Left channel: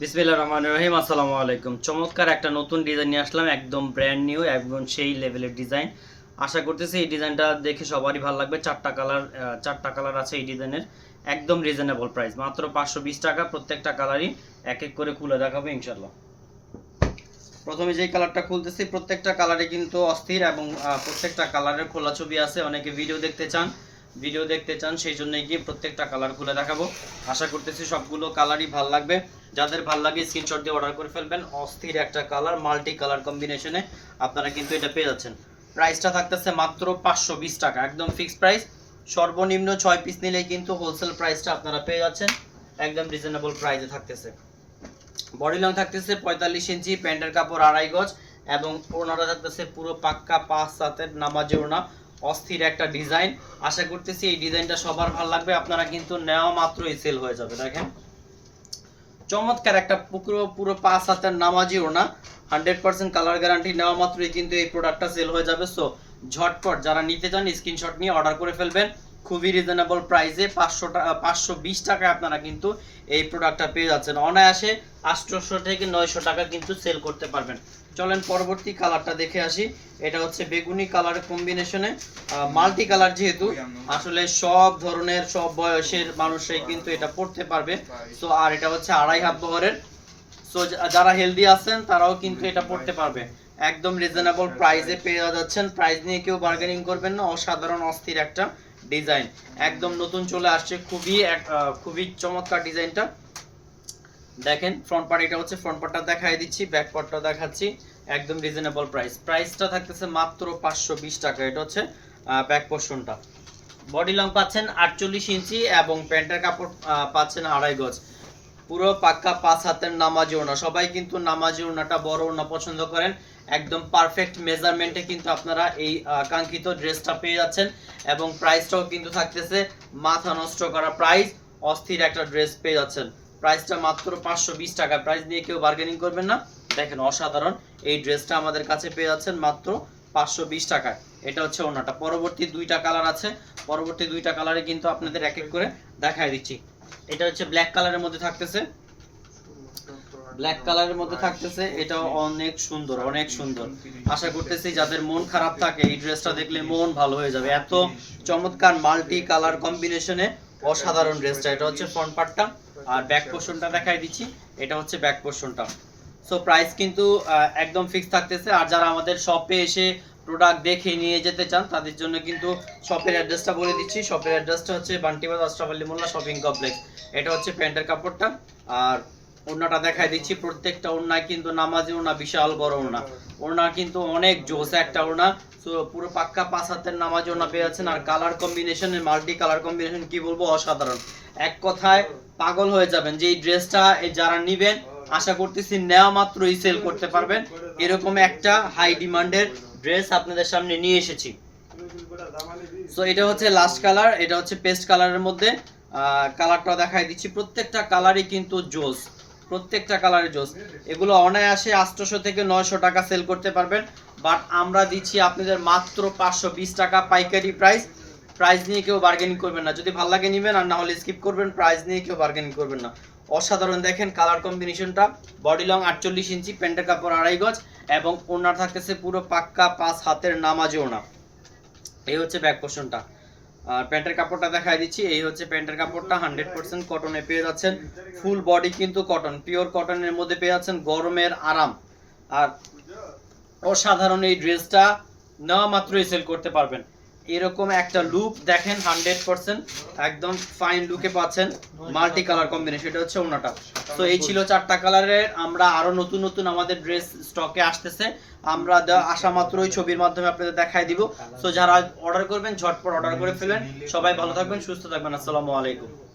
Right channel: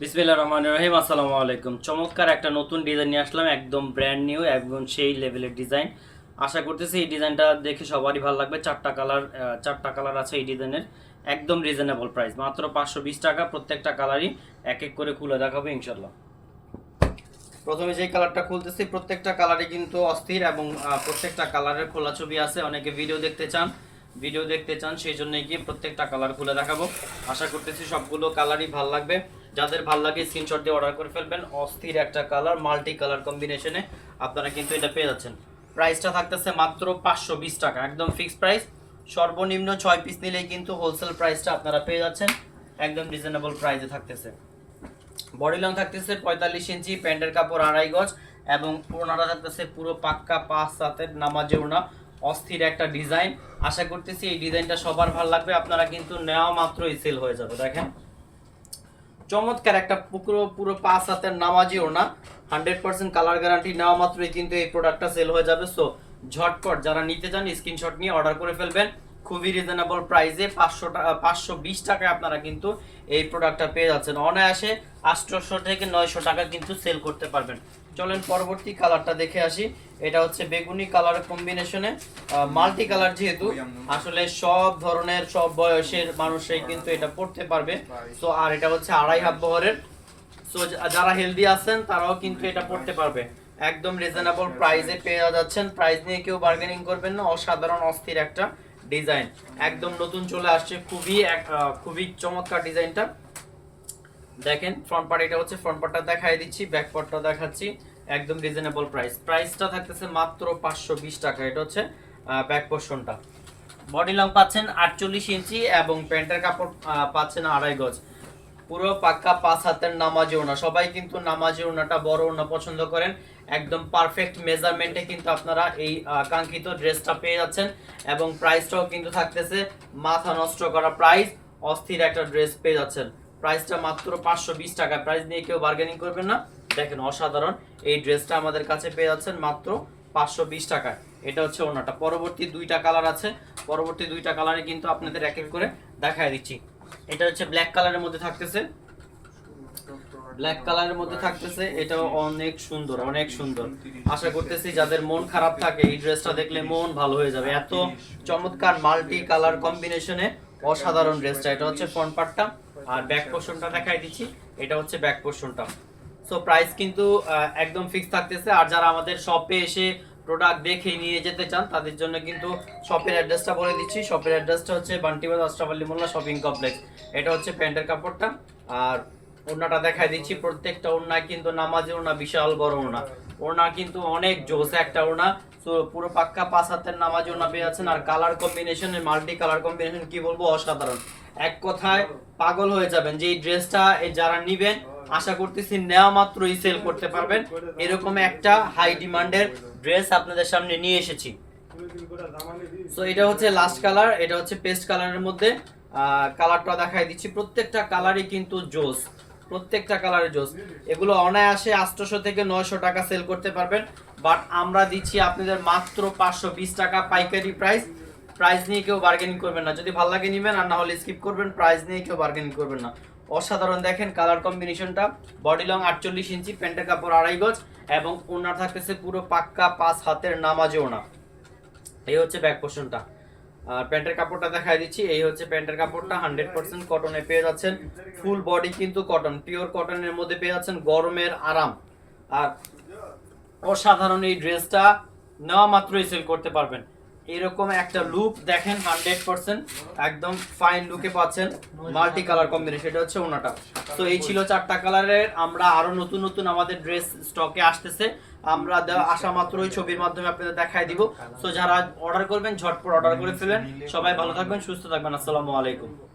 বিসমিল্লাহির রহমানির রহিম। আসসালামু আলাইকুম। চমৎকার একটা নতুন ডিজাইন নিয়ে আসলাম, একদম ব্র্যান্ড নিউ, একদম সেই লেভেলের ডিজাইন। আশা করতেছি এই ডিজাইনটা দেখে সবারই ভালো লাগবে। চারটা কালার আছে এই ডিজাইনের। একদম রিজনেবল প্রাইস, মাত্র 520 টাকা। প্রত্যেকটা কালারই এক এক করে খুলে দেখাবো ইনশাল্লাহ। প্রথমে যে কালারটা খুলতেছি, প্রত্যেকটা কালারই কিন্তু অস্থির এবং প্রত্যেকটা কালারের খোলা ছবি আছে। অনেকে ভিডিও দেখতে চান সেই জন্যই কি প্রত্যেকটা কালার খুলে দেখাবো। আশা করতেছি সবগুলো কালারই ভালো লাগবে। যাদের ভালো লাগে স্ক্রিনশট দিয়ে অর্ডার করে ফেলবেন। অস্থির একটা কালার, মাল্টি কালার কম্বিনেশনে আপনারা কিন্তু এটা পেয়ে যাচ্ছেন। প্রাইসটা থাকতেছে মাত্র 520 টাকা, একদম ফিক্সড প্রাইস। সর্বনিম্ন 6 পিস নিলেই কিন্তু হোলসেল প্রাইসটা আপনারা পেয়ে যাচ্ছেন, একদম রিজনেবল প্রাইসে থাকতেছে। বডি লং থাকতেছে 45 ইঞ্চি, প্যান্টের কাপড় 2.5 গজ এবং ওড়নাটা থাকতেছে পুরো পাক্কা 5/7 নামাজি ওড়না। অস্থির একটা ডিজাইন। আশা করতেছি এই ডিজাইনটা সবার ভালো লাগবে। আপনারা কিন্তু নেওয়া মাত্রই সেল হয়ে যাবে। দেখেন চমৎকার একটা পুরো 5/7 নামাজি ওড়না, 100% কালার গ্যারান্টি। নেওয়া মাত্রই কিন্তু এই প্রোডাক্টটা সেল হয়ে যাবে। সো ঝটপট যারা নিতে চান স্ক্রিনশট নিয়ে অর্ডার করে ফেলবেন। খুবই রিজনেবল প্রাইসে 520 টাকায় আপনারা কিন্তু এই প্রোডাক্টটা পেয়ে যাচ্ছেন। অনায়াসে 800 থেকে 900 টাকা কিন্তু সেল করতে পারবেন। চলেন পরবর্তী কালারটা দেখে আসি। এটা হচ্ছে বেগুনি কালারের কম্বিনেশনে, মাল্টি কালার, যেহেতু আসলে সব ধরনের সব বয়সের মানুষই কিন্তু এটা পড়তে পারবে। সো আর এটা হচ্ছে 2.5 হাত বহরের। সো যারা হেলদি আছেন তারাও কিন্তু এটা পড়তে পারবে। একদম রিজনেবল প্রাইসে পেয়ে যাচ্ছেন। প্রাইস নিয়ে কেউ বার্গেনিং করবেন না। অসাধারণ অস্থির একটা ডিজাইন, একদম নতুন চলে আসছে। খুবই চমৎকার ডিজাইনটা। দেখেন ফ্রন্ট পার্ট, এটা হচ্ছে ফ্রন্ট পার্টটা দেখাই দিচ্ছি, ব্যাক পার্টটা দেখাচ্ছি। একদম রিজনেবল প্রাইসটা থাকতেছে মাত্র 520 টাকা। এটা হচ্ছে ব্যাক পোর্শনটা। বডি লং পাচ্ছেন 48 ইঞ্চি এবং প্যান্টের কাপড় পাচ্ছেন 2.5 গজ। পুরো পাক্কা 5 হাতের নামাজি ওড়না। সবাই কিন্তু নামাজি ওড়নাটা বড় ওড়না পছন্দ করেন। একদম পারফেক্ট মেজারমেন্টে কিন্তু আপনারা এই কাঙ্ক্ষিত ড্রেসটা পেয়ে যাচ্ছেন এবং প্রাইসটাও কিন্তু থাকতেছে মাথা নষ্ট করা প্রাইস। অস্থির একটা ড্রেস পেয়ে যাচ্ছেন। প্রাইসটা মাত্র 520 টাকা। প্রাইস নিয়ে কেউ বার্গেনিং করবেন না। দেখেন অসাধারণ এই ড্রেসটা আমাদের কাছে পেয়ে যাচ্ছেন মাত্র 520 টাকা। এটা হচ্ছে ওড়নাটা। পরবর্তী দুইটা কালার আছে, পরবর্তী দুইটা কালারে কিন্তু আপনাদের এক এক করে দেখাই দিচ্ছি। এটা হচ্ছে ব্ল্যাক কালারের মধ্যে থাকতেছে, এটাও অনেক সুন্দর, অনেক সুন্দর। আশা করতেছি যাদের মন খারাপ থাকে এই ড্রেসটা দেখলে মন ভালো হয়ে যাবে। এত চমৎকার মাল্টি কালার কম্বিনেশনে অসাধারণ ড্রেসটা। এটা হচ্ছে ফ্রন্ট পার্টটা আর ব্যাক পোর্শনটা দেখাই দিচ্ছি। এটা হচ্ছে ব্যাক পোর্শনটা। সো প্রাইস কিন্তু একদম ফিক্স থাকতেছে। আর যারা আমাদের শপে এসে প্রোডাক্ট দেখে নিয়ে যেতে চান তাদের জন্য কিন্তু শপের অ্যাড্রেসটা বলে দিচ্ছি। শপের অ্যাড্রেসটা হচ্ছে বান্টিবাজার আশরাফ আলী মোল্লা শপিং কমপ্লেক্স। এটা হচ্ছে প্যান্টের কাপড়টা আর ওড়নাটা দেখাই দিচ্ছি। প্রত্যেকটা ওড়না কিন্তু নামাজি ওড়না, বিশাল বড় ওড়না। ওড়না কিন্তু অনেক জোস একটা ওড়না। সো পুরো পাক্কা 5 হাতের নামাজি ওড়না পেয়ে যাচ্ছেন। আর কালার কম্বিনেশনের, মাল্টি কালার কম্বিনেশন কি বলবো, অসাধারণ। এক কথায় পাগল হয়ে যাবেন যে এই ড্রেসটা যারা নিবেন আশা করতেছি নেওয়া মাত্রই সেল করতে পারবেন। এরকম একটা হাই ডিমান্ডের ড্রেস আপনাদের সামনে নিয়ে এসেছি। সো এটা হচ্ছে লাস্ট কালার, এটা হচ্ছে পেস্ট কালারের মধ্যে। কালারটা দেখাই দিচ্ছি। প্রত্যেকটা কালারই কিন্তু জোস, প্রত্যেকটা কালারে জোস। এগুলো অনায়াসে 800 থেকে 900 টাকা সেল করতে পারবেন। বাট আমরা দিচ্ছি আপনাদের মাত্র 520 টাকা পাইকারি প্রাইস। প্রাইস নিয়ে কেউ বার্গেনিং করবেন না। যদি ভালো লাগে নেবেন, আর না হলে স্কিপ করবেন। প্রাইস নিয়ে কেউ বার্গেনিং করবেন না। অসাধারণ দেখেন কালার কম্বিনেশনটা। বডি লং 48 ইঞ্চি, প্যান্টের কাপড় 2.5 গজ এবং ওড়না থাকতেছে পুরো পাক্কা 5 হাতের নামাজি ওড়না। এই হচ্ছে ব্যাক পোর্শনটা। আর প্যান্টের কাপড়টা দেখাই দিচ্ছি। এই হচ্ছে প্যান্টের কাপড়টা, 100% কটনে পেয়ে যাচ্ছেন। ফুল বডি কিন্তু কটন, পিওর কটনের মধ্যে পেয়ে যাচ্ছেন। গরমের আরাম। আর অসাধারণ এই ড্রেসটা নেওয়া মাত্রই সেল করতে পারবেন। এরকম একটা লুক দেখেন, 100% একদম ফাইন লুকে পাচ্ছেন। Multi colour combination. এটা হচ্ছে ওনাটা। তো এই ছিল 4টা কালারের। আমরা আরো নতুন নতুন আমাদের ড্রেস স্টকে আসতেছে। আমরা আসা মাত্রই ছবির মাধ্যমে আপনাদের দেখাই দিব। সো যারা অর্ডার করবেন ঝটপট অর্ডার করে ফেলেন। সবাই ভালো থাকবেন, সুস্থ থাকবেন। আসসালামু আলাইকুম।